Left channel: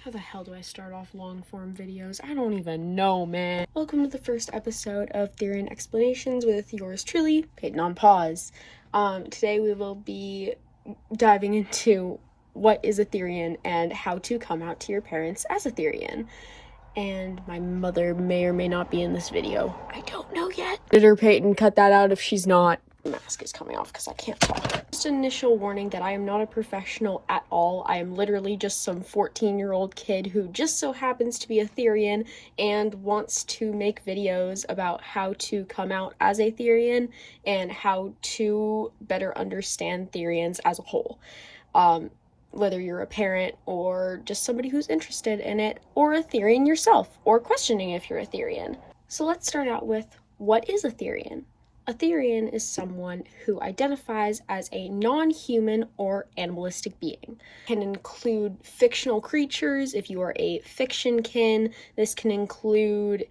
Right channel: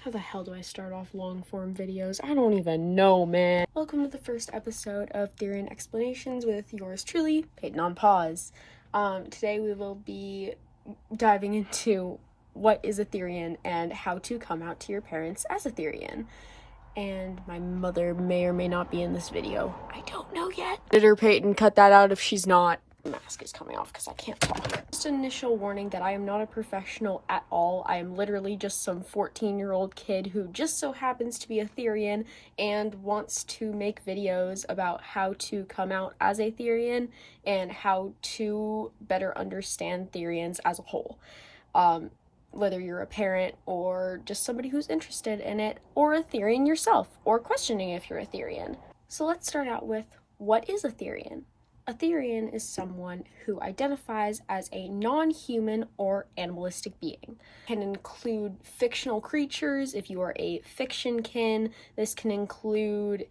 How the hell do I start off long-form videos? I don't even know, man. Welcome to the first episode of Therian Explanations with yours truly, Peyton-on-paws. Today we will be diving into what is a therian and how to come out to your parents as a therian. And my mother may or may not be in this video. I don't know yet. Did her Peyton cut that out if she's not? The mask is coming off because I can't talk. Just an initial warning that I am not a professional at all. I am literally just some 14-year-old kid who just so happens to be a therian and wants to make videos about how to come out as a therian and how to better understand therians as a whole. Whether you're a parent or just somebody who's interested in it, or a therian yourself, or questioning if you're a therian. So let's start out with, what is a therian? A therian is someone who identifies as a non-human or animalistic being. It can include fictional creatures if you are a fiction kin. This can include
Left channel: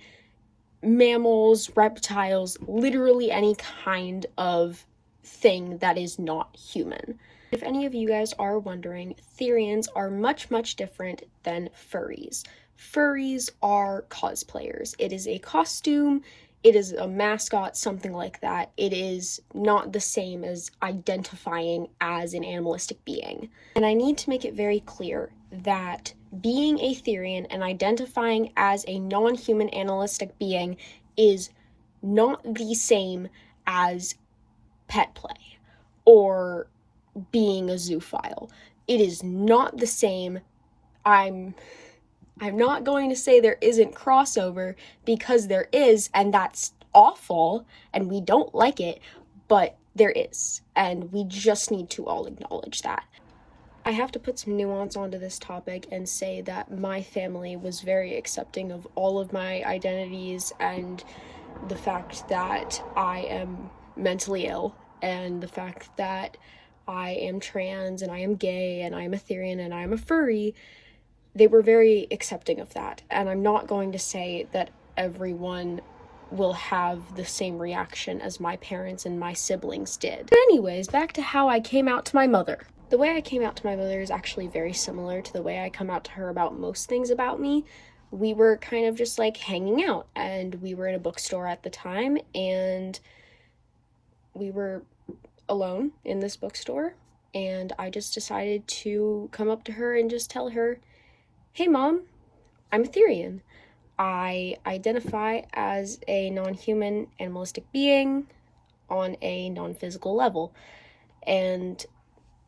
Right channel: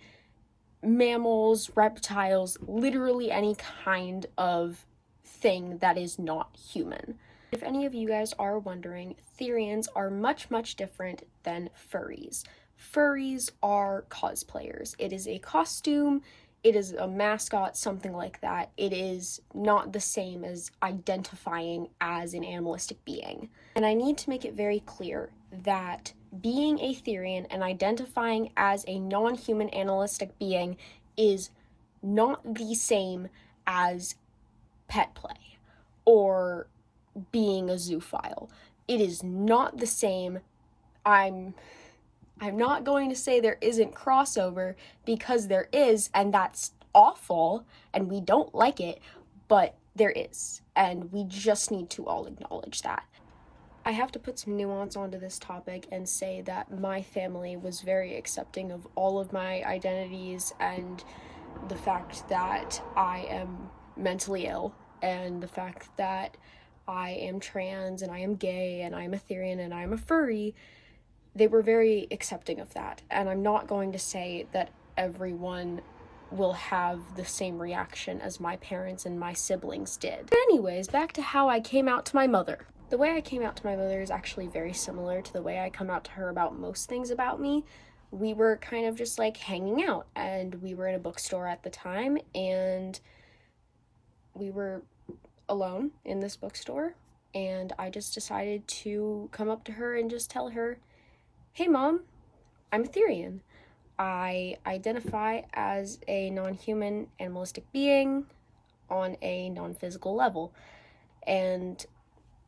mammals, reptiles, literally any kind of thing that is not human. If any of you guys are wondering, therians are much, much different than furries. Furries are cosplayers. It is a costume. It is a mascot, something like that. It is not the same as identifying as an animalistic being. And I need to make it very clear that being a therian and identifying as a non-human animalistic being is not the same as pet play or being a zoophile. It is not the same. I'm not going to say there isn't crossover, because there is, and that's awful, and we don't like it, but there is, and we just need to all acknowledge that. I have to put some nuance onto this topic and say that my family was very accepting of all of my identities and the fact that I am mentally ill, and the fact that I am trans, and I am gay, and I am a therian, and I am a furry. They were very accepting of that, and I'm not going to say that everyone will have the same reaction as my parents and my siblings did. But anyways, back to how I came out to my mother. The way I came out to my mother is actually very similar to the way I come out to her about most things about me. We were kind of just like hanging out, and we were in a bookstore at the time, and we were alone in this bookstore, and I just decided to come up to her and just tell her, "Hey Mom, I'm a therian. I identify as a non-human animalistic being on a non-physical level." And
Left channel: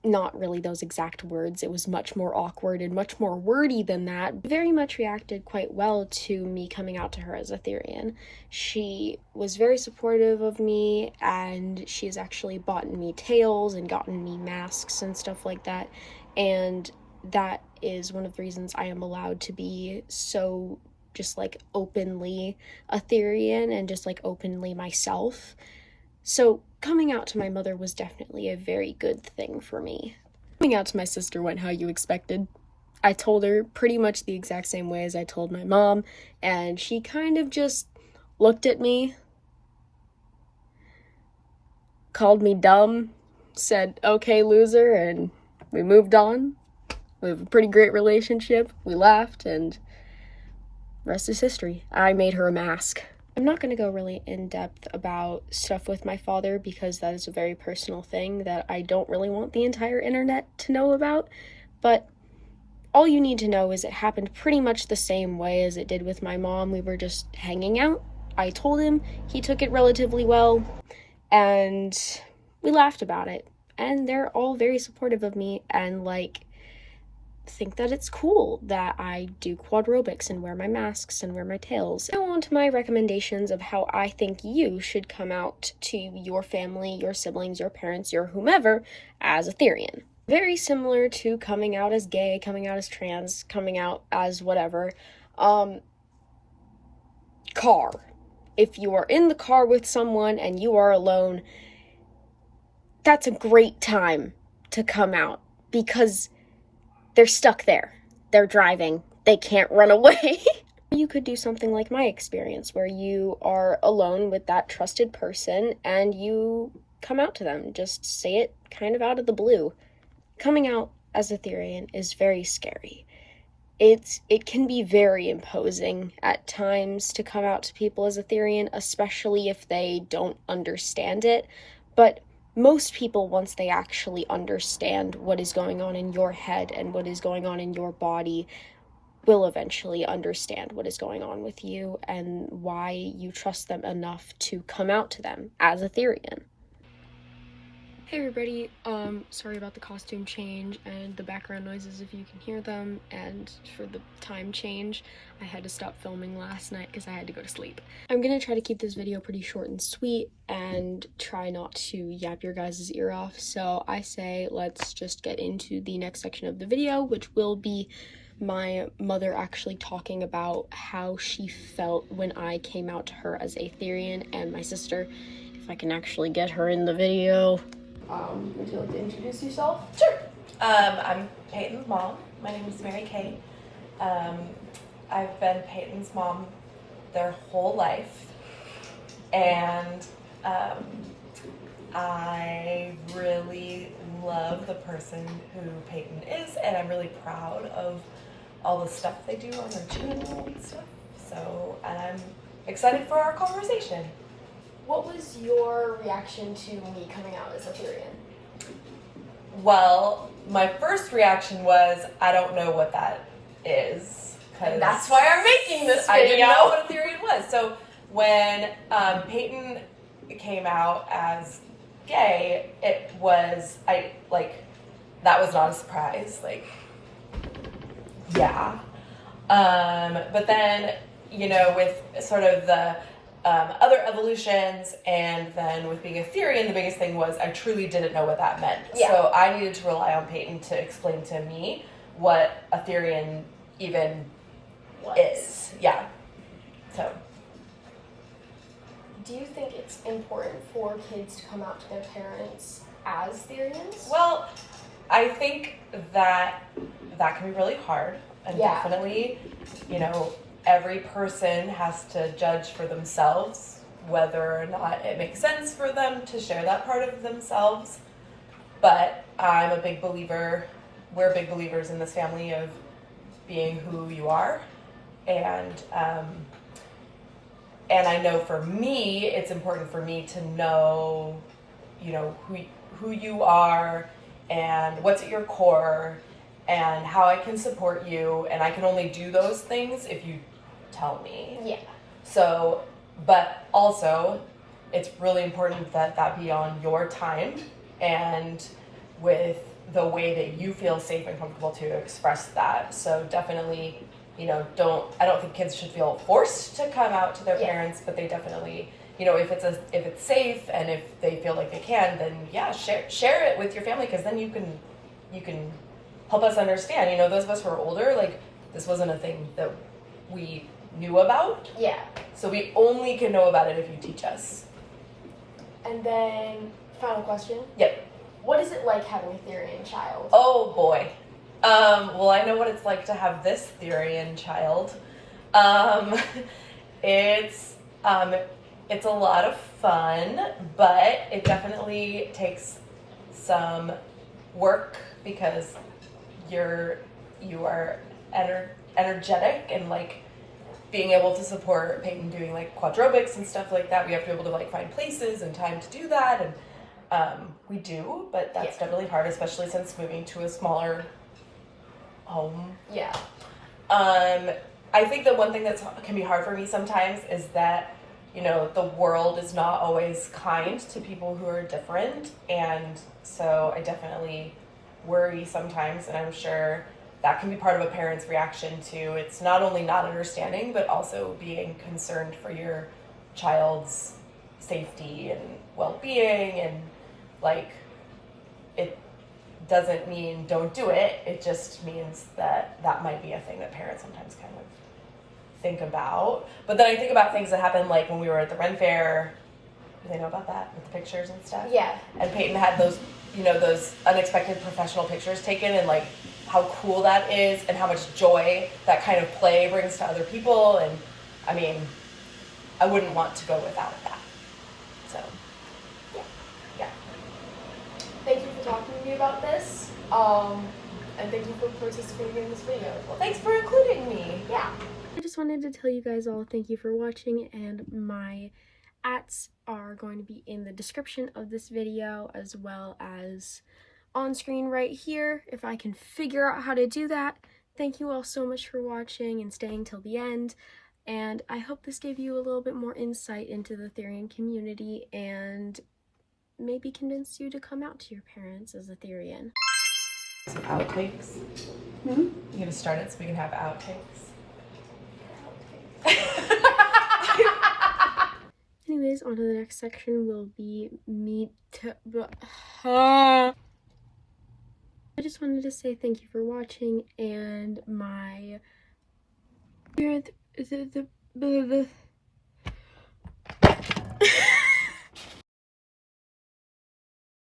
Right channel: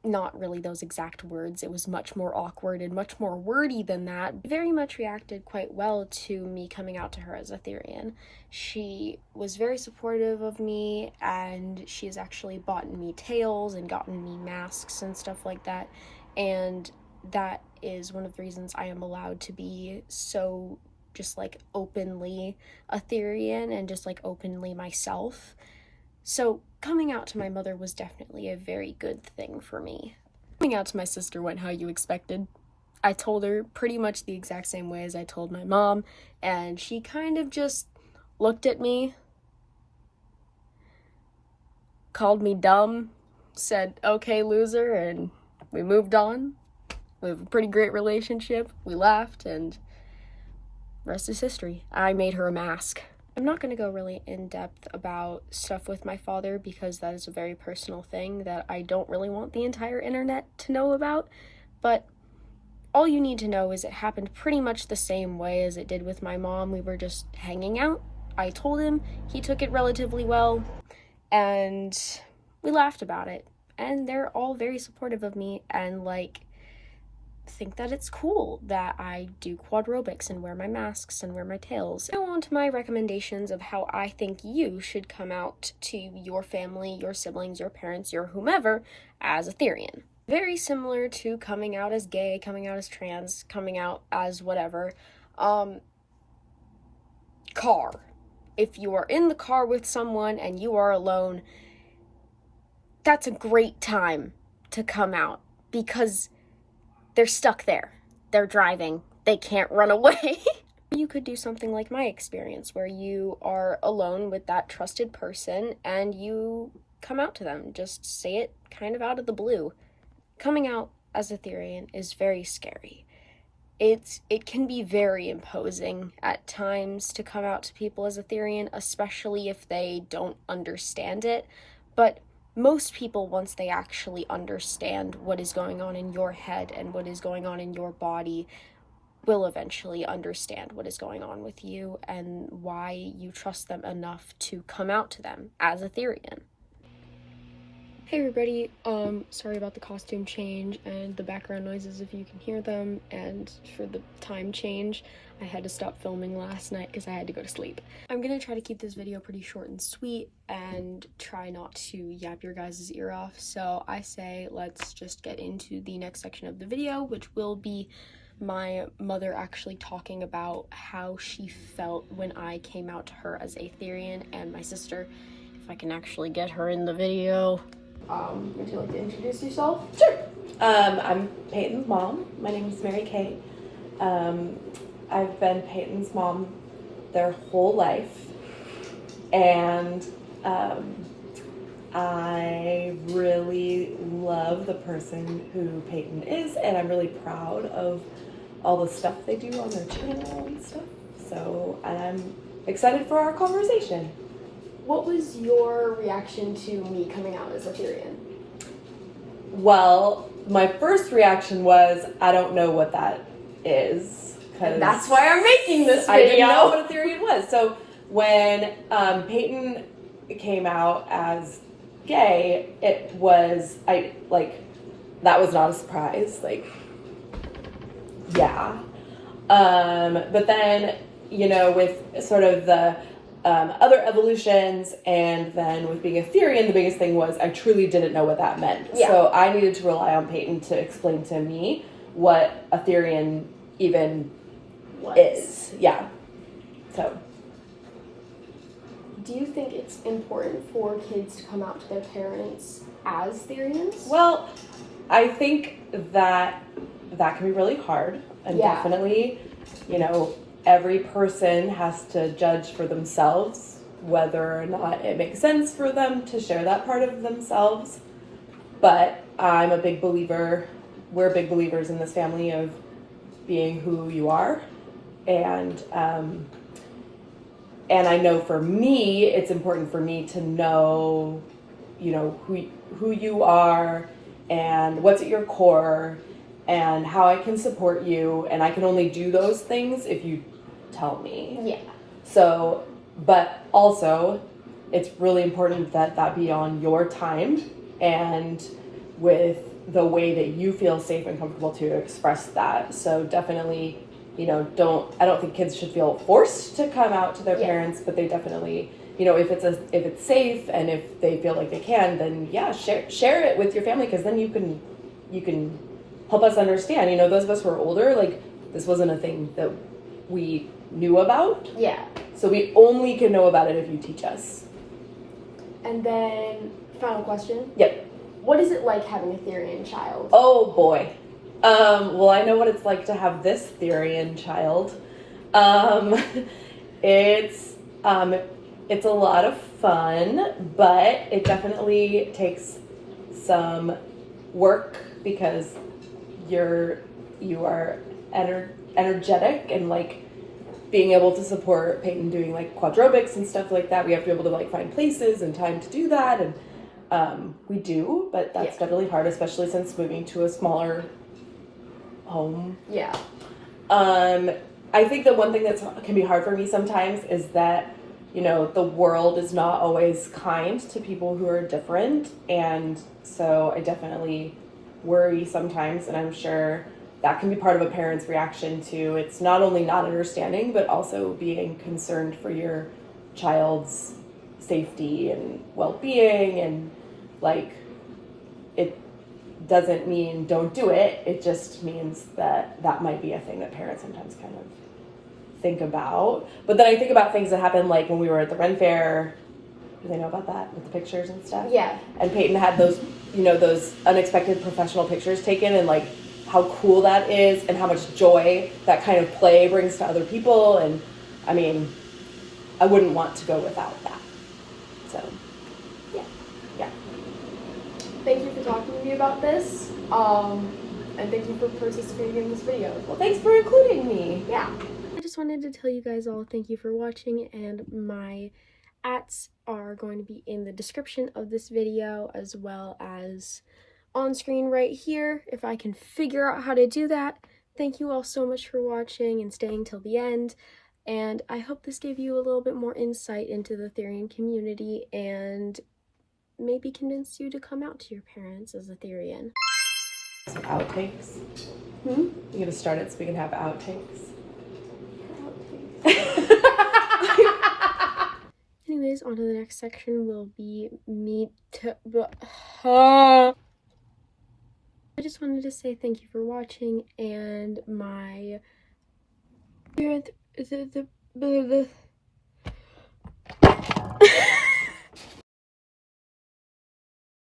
not really those exact words, it was much more awkward and much more wordy than that. Very much reacted quite well to me coming out to her as a therian. She was very supportive of me, and she has actually bought me tails and gotten me masks and stuff like that, and that is one of the reasons I am allowed to be so just like openly a therian and just like openly myself. So coming out to my mother was definitely a very good thing for me. Coming out to my sister went how you expected. I told her pretty much the exact same way as I told my mom, and she kind of just looked at me, called me dumb, said, "Okay, loser," and we moved on. We have a pretty great relationship. We laughed, and rest is history. I made her a mask. I'm not going to go really in-depth about stuff with my father, because that is a very personal thing that I don't really want the entire internet to know about, but all you need to know is it happened pretty much the same way as it did with my mom. We were just hanging out. I told him, he took it relatively well, and we laughed about it, and they're all very supportive of me, and like think that it's cool that I do quadrobics and wear my masks and wear my tails. Now on to my recommendations of how I think you should come out to your family, your siblings, your parents, your whomever as a therian. Very similar to coming out as gay, coming out as trans, coming out as whatever. Car. If you are in the car with someone and you are alone, that's a great time to come out, because they're stuck there. They're driving. They can't run away. You could do something like my experience, where you are alone with that trusted person and you come out to them. Just say it kind of out of the blue. Coming out as a therian is very scary. it can be very imposing at times to come out to people as a Therian, especially if they don't understand it. But most people, once they actually understand what is going on in your head and what is going on in your body, will eventually understand what is going on with you and why you trust them enough to come out to them as a Therian. Hey everybody, sorry about the costume change and the background noises if you can hear them, and for the time change, I had to stop filming last night because I had to go to sleep. I'm gonna try to keep this video pretty short and sweet and try not to yap your guys' ear off, so I say let's just get into the next section of the video, which will be my mother actually talking about how she felt when I came out to her as a Therian, and my sister, if I can actually get her in the video. Would you like to introduce yourself? Sure. I'm Peyton's mom. My name is Mary Kay. I've been Peyton's mom their whole life, and I really love the person who Peyton is, and I'm really proud of all the stuff they do on their channel and stuff. So I'm excited for our conversation. What was your reaction to me coming out as a Therian? Well, my first reaction was, I don't know what that is. And that's why I'm making this video. I didn't know what a Therian was. So when Peyton came out as gay, it was, that was not a surprise. Yeah. But then, with sort of the other evolutions, and then with being a Therian, the biggest thing was I truly didn't know what that meant. Yeah. So I needed to rely on Peyton to explain to me what a Therian even is. Yeah. So. Do you think it's important for kids to come out to their parents as Therians? Well, I think that can be really hard, and definitely, every person has to judge for themselves whether or not it makes sense for them to share that part of themselves. But I'm a big believer, we're big believers in this family of being who you are. And I know for me, it's important for me to know, who you are and what's at your core and how I can support you. And I can only do those things if you tell me. Yeah. So, but also it's really important that that be on your time and with the way that you feel safe and comfortable to express that. So definitely, I don't think kids should feel forced to come out to their parents, but they definitely, if it's safe and if they feel like they can, then share it with your family, because then you can help us understand. Those of us who are older, this wasn't a thing that we knew about. Yeah. So we only can know about it if you teach us. And then, final question. Yep. What is it like having a Therian child? Oh boy. Well, I know what it's like to have this Therian child. It's a lot of fun, but it definitely takes some work because you are energetic, and being able to support Peyton doing quadrobics and stuff like that. We have to be able to find places and time to do that, and we do, but that's definitely hard, especially since moving to a smaller home. Yeah. I think the one thing that can be hard for me sometimes is that the world is not always kind to people who are different, and so I definitely worry sometimes, and I'm sure that can be part of a parent's reaction to it's not only not understanding, but also being concerned for your child's safety and well-being, and it doesn't mean don't do it. It just means that might be a thing that parents sometimes kind of think about. But then I think about things that happened when we were at the Ren Fair. Do they know about that with the pictures and stuff? Yeah. And Peyton had those, those unexpected professional pictures taken, and how cool that is and how much joy that kind of play brings to other people. And I mean, I wouldn't want to go without that. So, yeah. Thank you for talking to me about this. And And thank you for participating in this video. Well, thanks for including me. Yeah. I just wanted to tell you guys all thank you for watching, and my ats are going to be in the description of this video as well as on screen right here if I can figure out how to do that. Thank you all so much for watching and staying till the end, and I hope this gave you a little bit more insight into the Therian community and maybe convinced you to come out to your parents as a Therian. Some outtakes. Hmm? You gonna start it so we can have outtakes? Anyways, on to the next section will be I just wanted to say thank you for watching, and my the